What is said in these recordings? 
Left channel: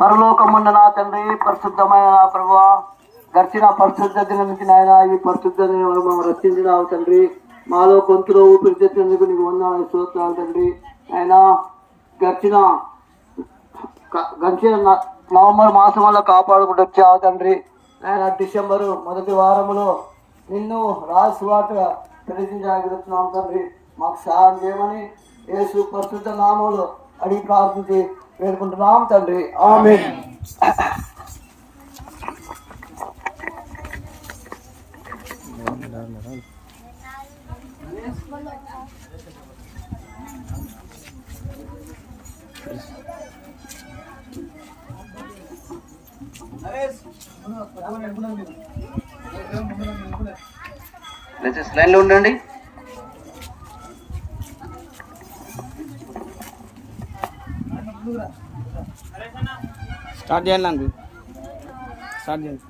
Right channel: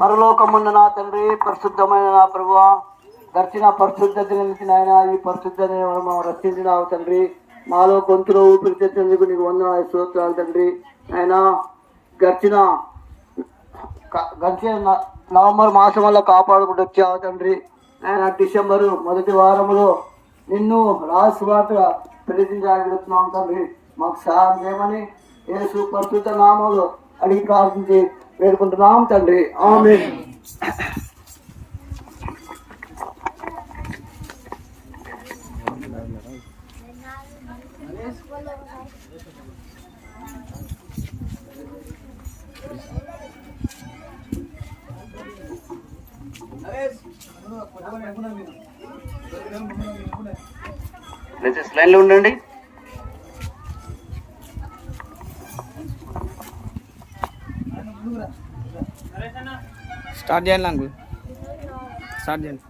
పరలోకమున్న నా తండ్రి పరిశుద్ధమైన నా ప్రభు గడిచిన పరిశుద్ధ దినానికి నుంచి నాయన ఈ పరిశుద్ధ మనం రక్షించినావు తండ్రి. మాలో గొంతులో ఊపిరి తెచ్చినందుకు నీకు వందనాలు స్తోత్రాలు తండ్రి. ఆయన గడిచిన గడిచిన నవంబర్ మాసం వల్ల కాపాడుకుంటూ వచ్చావు తండ్రి. ఆయన డిసెంబరు మొదటి వారంలో నిన్ను రాజువార్తగా ప్రయత్నించగలుగుతున్నాం తండ్రి. మాకు సహాయం చేయమని యేసు పరిశుద్ధ నామంలో అడిగి ప్రార్థించి వేడుకుంటున్నాం తండ్రి ఆమె లైన్లో ఉండండి స్టార్ట్ చేయండి నాకు. స్టార్ట్ చేయండి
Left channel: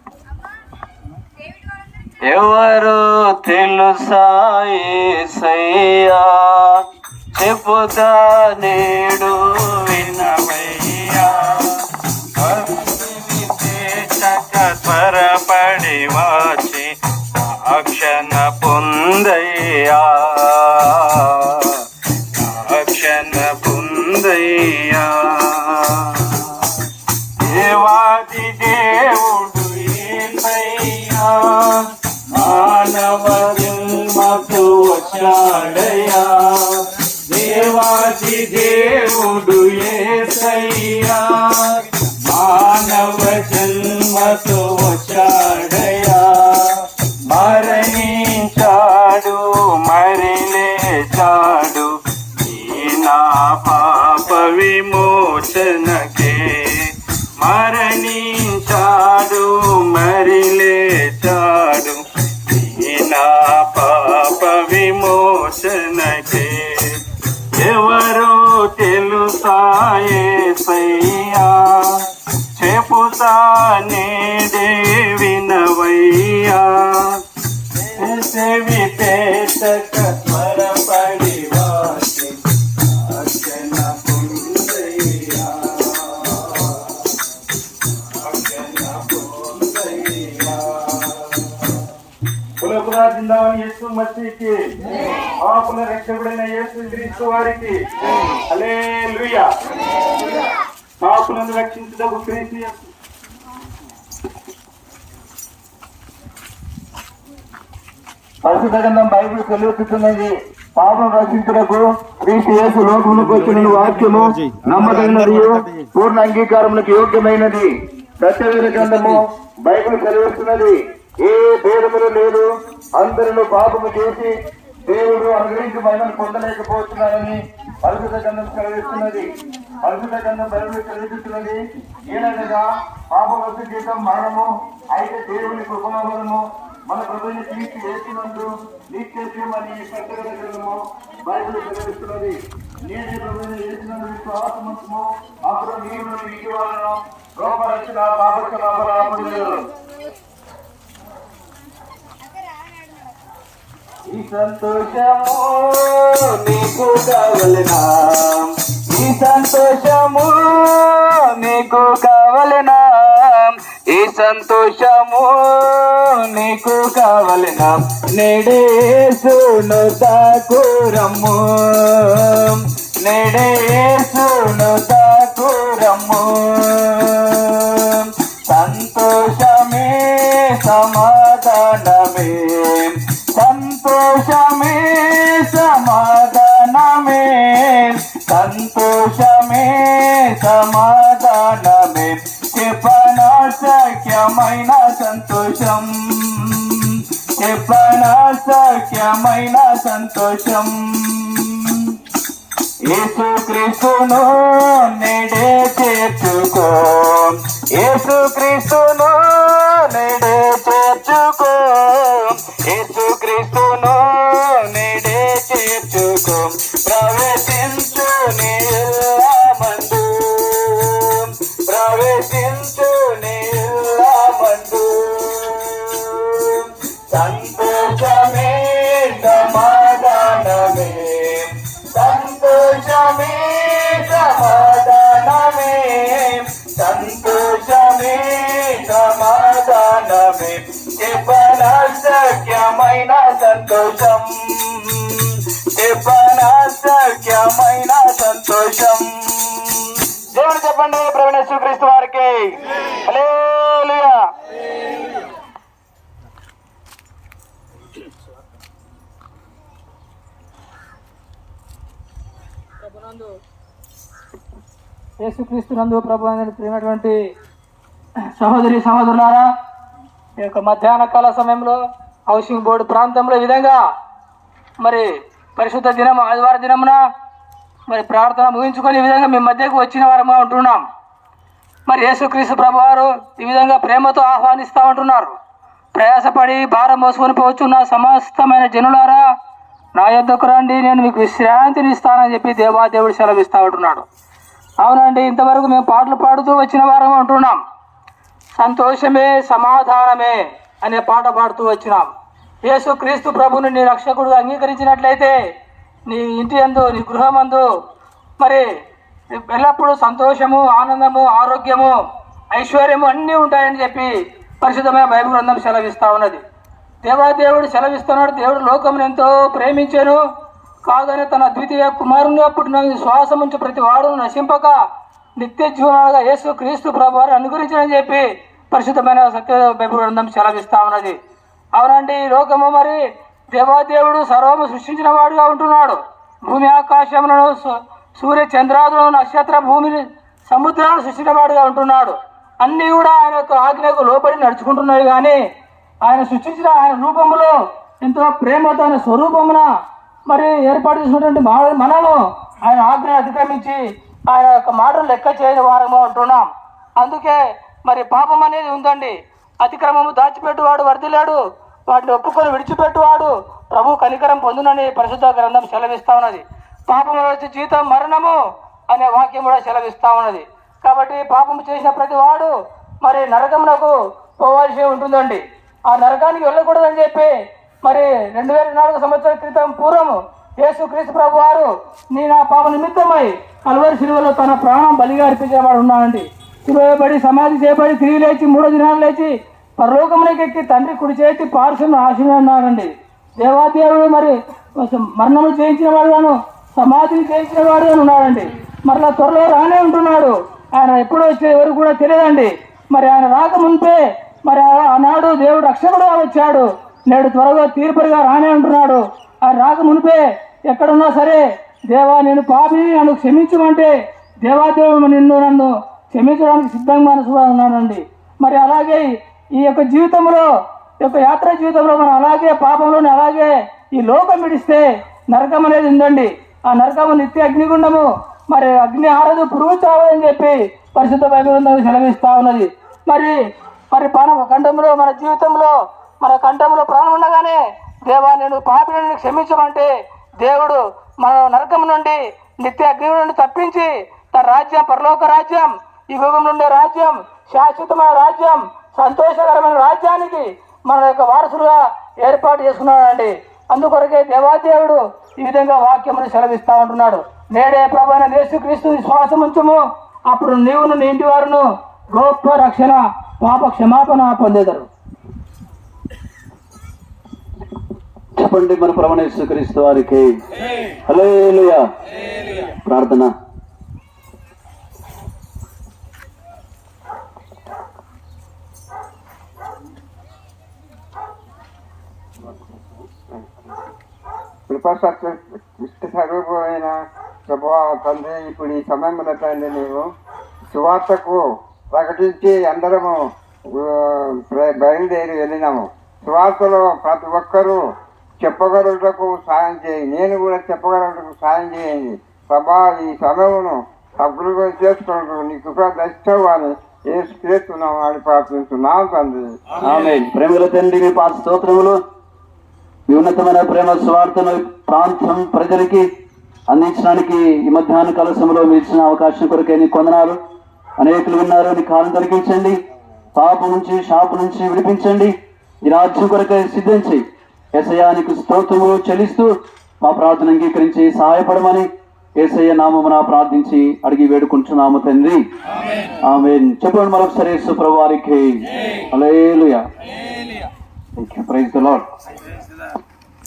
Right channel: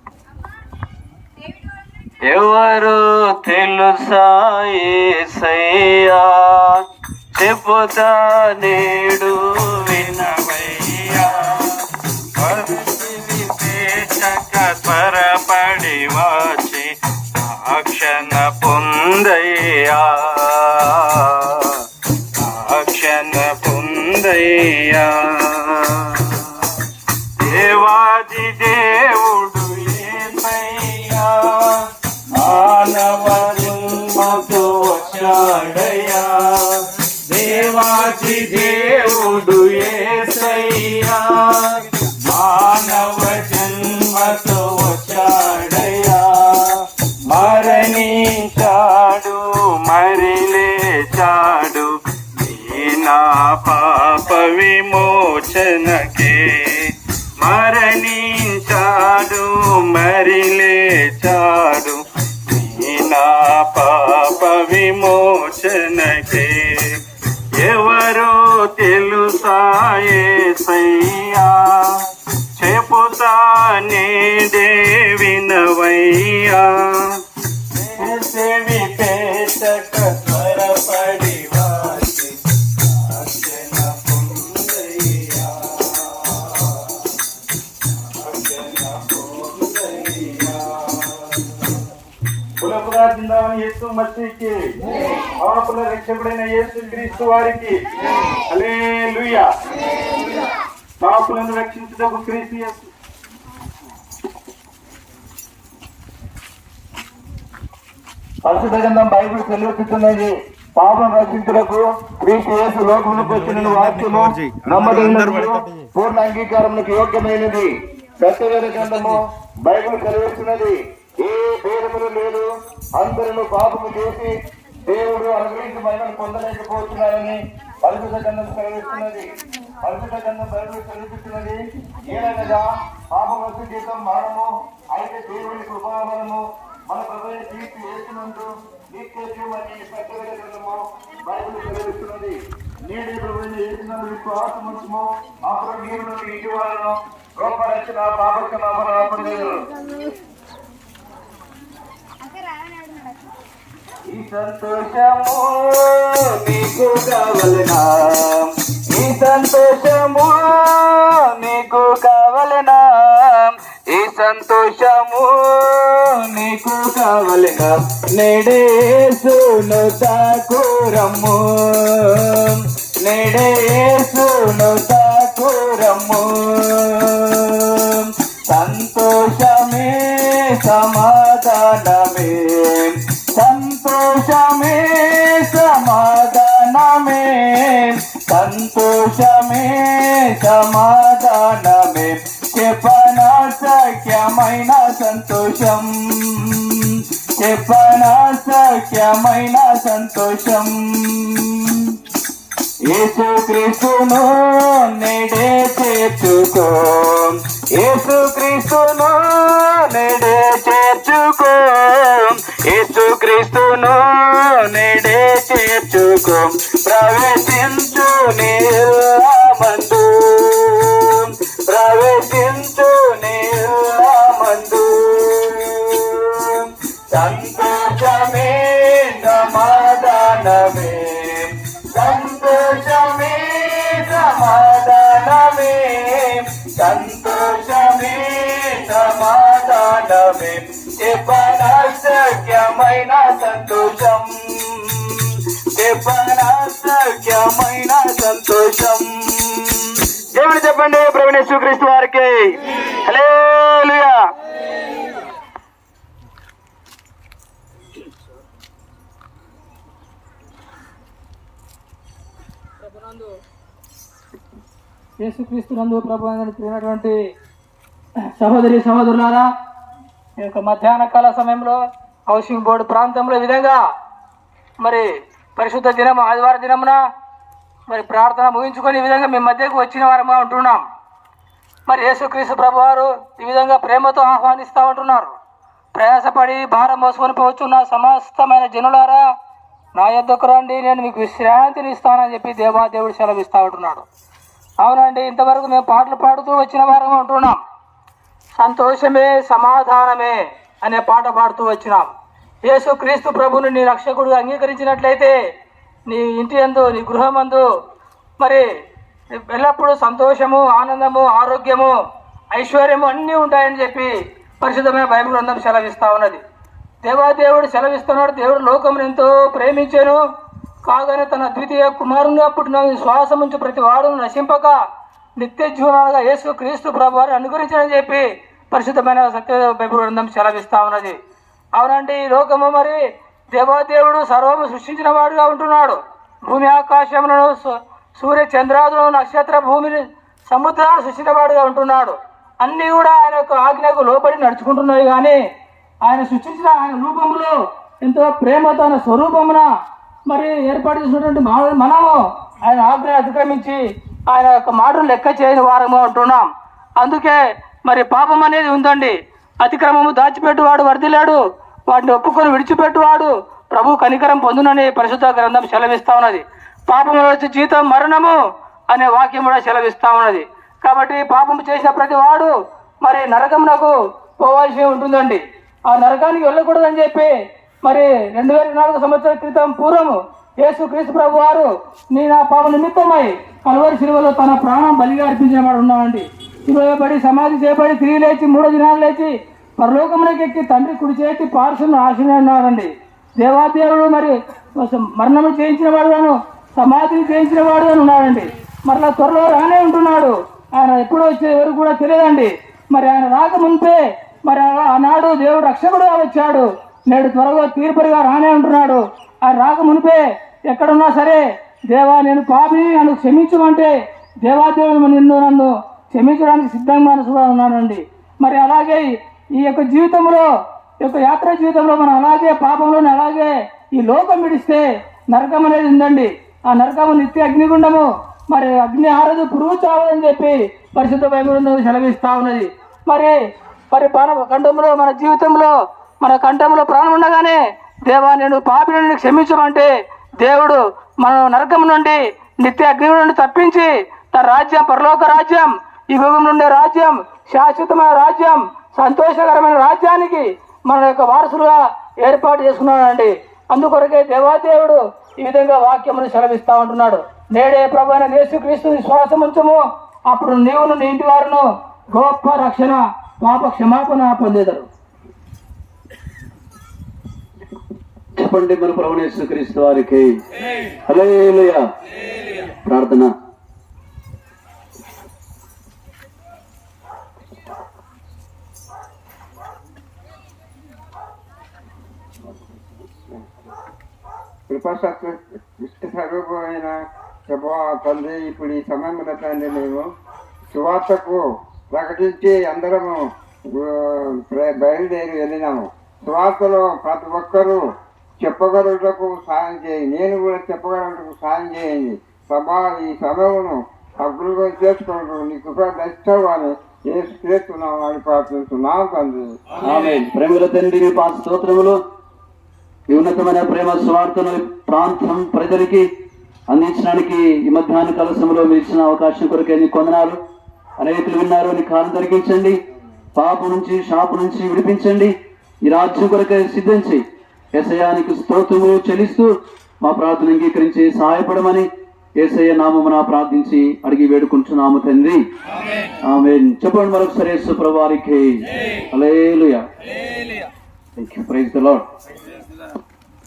ఎవరు తెలుసా యేసయ్యా చెప్పుతా నేడు వినవయ్యా. త్వరపడి వచ్చి అక్షణ పొందయ్యా. దేవాది దేవుడు ఏసయ్యా మానవ జన్మతో వచ్చాడయ్యా. దేవాది దేవుడు ఏసయ్యా. మానవ జన్మతో వచ్చాడయ్యా. మరణించాడు మరి నా పాప విమోచన విమోచనకే ఎవరు తెలుసాయేసయ్యా చెపుతానే దేవినవయ్యా యేసు మసీకి పాపుల రక్షకుడైన యేసు క్రీస్తు వారికి. హల్లెలూయా. పాపులను రక్షించుటకు క్రీస్తు యేసు. పరిశుద్ధ గ్రంథం బైబిల్ తెలియపుతున్నది పాపం రక్షించుటకు క్రీస్తు యేసు లోకములకు వచ్చిన వాక్యము నమ్మదన్నది పూర్ణ అంగీకారములకు యోగ్యమైనది. సత్యవేద గ్రంథము బైబిల్ తెలియస్తున్నది ఏ భేదములు లేదు అందరిలో పాపము చేసి దేవుడు అనుగ్రహించి మహిమను పొందలేకపోతున్నారని పరిశుద్ధ గంధం సెలవిస్తున్నది. పరిశుద్ధ గ్రంథం బైబిల్ సెలవిస్తున్నది. ఏదనగా పాపవస్తు జీతం మరణము అయితే దేవుని కృపావరము మన ప్రభుని తీర్చి వేసినందు నిత్యమని సత్యవేద గ్రంథము బైబిల్ సెలవిస్తున్నది. నేనే ప్రభుని వేసినందు మీకు ఆత్మంచము అప్పుడు నీవు నుండి ఇటీవలను గొప్ప రక్షణ పాప క్షమాపణ పొందగలరు ఈ సంతోషము నీకు కావలనా ఈ సంతోషము నీకు కావలనా ఈ సంతోషము నీకు కావలనా నెడేసును తాకురమ్ము నెడేసును తాకురమ్ము సంతోషమే సమాధానమే సంతోషమే సమాధానమే. సంతోషమే సమాధానమే. చెప్పనాశక్యమైన సంతోషం. చెప్పనాశక్యమైన సంతోషం. సంతోషం యేసుక్రీస్తును నేడే చేర్చుకో. యేసుక్రీస్తును నేడే చేర్చుకో క్రీస్తును నేడే తీర్చుకు ప్రవేశించు నీలమందు ప్రవేశించు నీలమందు సంతోషమే సమాధానమే. సంతోషమే సమాధానమే. సంతోషమే సమాధానమే. సఖ్యమైన సంతోషం. చెప్పన సఖ్యమైన సంతోషం. దేవుడు చెప్పండి ప్రవీణేశ్వర క్రీస్తు వారికి. హల్లెలూయా. యేసుక్రీస్తు నందు ప్రభు ప్రియమైనటువంటి సహోదరి సహోదరులారా ఈ యొక్క మధ్యాహ్న కాల సమయంలో హౌసింగ్ బోర్డు ప్రాంతంలో ఈ విధంగా మరి పరిశుద్ధ దినం ఆదివార దినమున మరి ప్రార్థన ముగించుకొని ఈ విధంగా మీ మధ్యకు వచ్చిన వారముగా ఉంటున్నాం. మరి యేసుక్రీస్తు ప్రభు వారు ఈ విధంగా ప్రేమతో ఆహ్వానిస్తూ ఉంటున్నారు. ప్రయాసపడి భారం మోసుకొని పోచున్న సమస్తమైన జనులారా నా యొద్దకు రండి నేను మీకు విశ్రాంతిని ఇస్తానని చెప్పి దేవాదేవుడు సెలవిస్తూ ఉంటున్నాడు. అవునండి ఇంతవరకు మేము పాటలు పాడుతూ వచ్చిన వారం ఉంటున్నాం. సంతోషమే సమాధానమే అనే పాట పాడుతూ వచ్చినాం. యేసు క్రీస్తు ప్రభుని నీ రక్షకుడు అంగీకరించినట్లయితే నీ ఇంటి అందు నీ గృహమందు మరి ఎల్లప్పుడూ సంతోషము ఆనందము ఆరోగ్యము ఐశ్వర్యము అన్నీ ఉంటాయని చెప్పి పరిశుద్ధమైన బైబిల్ గ్రంథం సెలవిస్తూ ఉన్నది. దేవాదేవుడు సెలవిస్తున్నాడు దేవుడు లోకమును ఎంతో ప్రేమించాను. కాగానే తన ద్వితీయ కుమారునిగా పుట్టిన శ్వాసముంచు ప్రతి వాడును నశింపక నిత్య జీవనాలుగా యేసు క్రీస్తు ప్రభు వారిని అనుగ్రహించని చెప్పి పరిశుద్ధమైన సత్య బైబుల్ గ్రంథం సెలవిస్తా ఉన్నది. అవునండి ఈ లోకము మరి దేవాదేవుడు సర్వము సృష్టించిన వాడుగా ఉంటున్నాడు. భూమి ఆకాశములను సూర్య చంద్రాదులను నక్షత్ర భూమిని సముద్రాలు సృష్టించిన వాడుగా ఉంటున్నాడు. అన్నీ కూడా ఆయన యొక్క ఆజ్ఞకు లోబడి నడుచుకుంటున్నాయి కానీ ఆయన సృష్టించిన ఆయన రూపములో ఎంతో ప్రేమతో ఆయన స్వరూపమున మరి ఏర్పాటు చేసినటువంటి మా- మనము ఆయన ఆజ్ఞను అతిక్రమించి ఆయన యొక్క మాటలు లెక్క చేయని వారము ఉంటున్నాం. అందుకే మరి పాపం అనేది ఉందండి. అతిక్రమము దాచిపెట్టువాడు వర్దిలాడు వాటిని ఒప్పుకొని విడిచిపెట్టువాడు. ప్రభు కనికరం పొందునని పరిశుద్ధ గ్రంథం సెలవిస్తా ఉన్నది. పాపము వచ్చి జీతం మరణము అనే వాక్యం కూడా సెలవిస్తా ఉన్నది. కాబట్టి పాపం చేసిన ప్రతి వాడు మరి నరకమునకు పోవాల్సి ఉంటుందండి. ఆ నరకానికి వెళ్ళకూడదని చెప్పి మరి రెండు వేల నాలుగు సంవత్సరాల క్రితం పూర్వము యేసు క్రీస్తు ప్రభు వారు నీ నా పాప నిమిత్తమై కలువరి శిలువలో తన ప్రాణం బలిగా అర్పించేవాడు ఉన్నానండి. ఉన్నాడండి సమాధి చేయబడి తిరిగి లేచి మూడో దినాలు లేచి పరలోకములకు ఎక్కి తండ్రి కుడి చేతి పార్సును ఆశీర్వన్నాడండి దేవాదేవుడు మరి మరణము చేయించిన వాడుగాను సమాధిని చేయించిన వాడుగాను ఉన్నాడండి. మరలా త్వరలో రానే ఉంటున్నాడు. ఆయన ఎప్పుడు వచ్చే ఎవరు కూడా తెలియదండి. మరి ఆయన రాకముందే మరి ఆనాడు దేవుడు రక్షకుడుగా వచ్చాడు. నేడు త్వరగా తీర్పుడిగా రానే ఉంటున్నాడు. ఆయన రాకమునిపే ఎక్కడున్నా సరే దేవా నేను పాపిని నన్ను క్షమించమంటే దేవాదేవుడు నిన్ను నన్ను క్షమించడానికి సిద్ధంగా మనసుగా ఉన్నానండి. మరి అలాగే ఈ యొక్క జీవితంలో ఈ యొక్క యాత్ర జీవితంలో మనం అలాగే పాపంలోని అలాగే ఈ లోకం విడిస్తే నరకం అనేది ఉందండి. ఆ నరకము నిత్య అగ్నిగుండము మరి అగ్ని ఆరదు పురుగు చావదని చెప్పి పరిశుద్ధ బైబిల్ సెలవిస్తూ ఉన్నది. మరి మరి ప్రాణ కంఠంలో మన జీవితంలో మన కంఠంలో ప్రాణం ఉండగానే దేవా నేను పాపిని నుండి క్షమించమంటే దేవుడు మనం నరకం నుండి నిత్య అగ్ని నుండి తప్పించి తన రాజ్యం పరలోక రాజ్యం ఈ యుగం నుండే రాజ్యం శాశ్వతమైన రాజ్యం సంతోషకరమైన రాజ్యానికి మన యొక్క వారసులుగా ఏర్పాటు చేసుకున్నాడండి. అందుకొరకే దేవాదేవుడు ఈ విధంగా వాక్యమును సెలవిస్తూ ఉంటున్నాడు. నేడే ప్రభు అయిన యేసుక్రీస్తు విశ్వాసం ఉంచము అప్పుడు నీవును నీ ఇంటి వారును గొప్ప రక్షణ పాప క్షమాపణ పొందేదరు. చెప్పండి మన ప్రభు క్రీస్తు వారికి. ప్రార్థన. కృపసత్వ ఇష్ట స్వరూపమైన ప్రభా తండ్రి ఇప్పుడు ఈ సమయంలో తండ్రి మేము సువార్తకు ప్రకటించి అందరము బయలుదేరి వెళ్ళినాము సువార్తలో ప్రతి ఒక్కరూ చెప్పగలుగుటకు సాయం చేయి నేను కూడా చెప్పగలుగుటకు సాయం చేయండి ప్రభా ఈ సమయమును సద్వినియోగం చేసుకుంటూ నీ కృప దర్శించవు ఏ చేస్తున్నాం అని ప్రార్థిస్తున్నాను తండ్రి ప్రేమల తండ్రి మీ పాత స్తోత్రములు ఈ ఉన్నతమైన ప్రేమ స్వార్థను ప్రాంతం ప్రజలకి అందించడానికి ఈ మధ్యాహ్న కాల సమయంలో మీరు ఇచ్చిన అవకాశం కొరకే నీ కొందనాలు అనేకులు విన్నారు. నీ కాలం తొలగించండి. పాపం నుంచి శాపం నుంచి విడిపించండి. ఈ రాజ్యం కొరకే సిద్ధించి ఎసయానికి స్తోత్రములు చెల్లిస్తూ మా ప్రార్థన అంగీకరించి సహాయపడమని ఏసయ్య నామమున ప్రార్థించి అడిగి వేడుకుంటున్నాము తండ్రి. ఆమె చెప్పండి మరొకసారి hallelujah. Thank you. Praise praise the Lord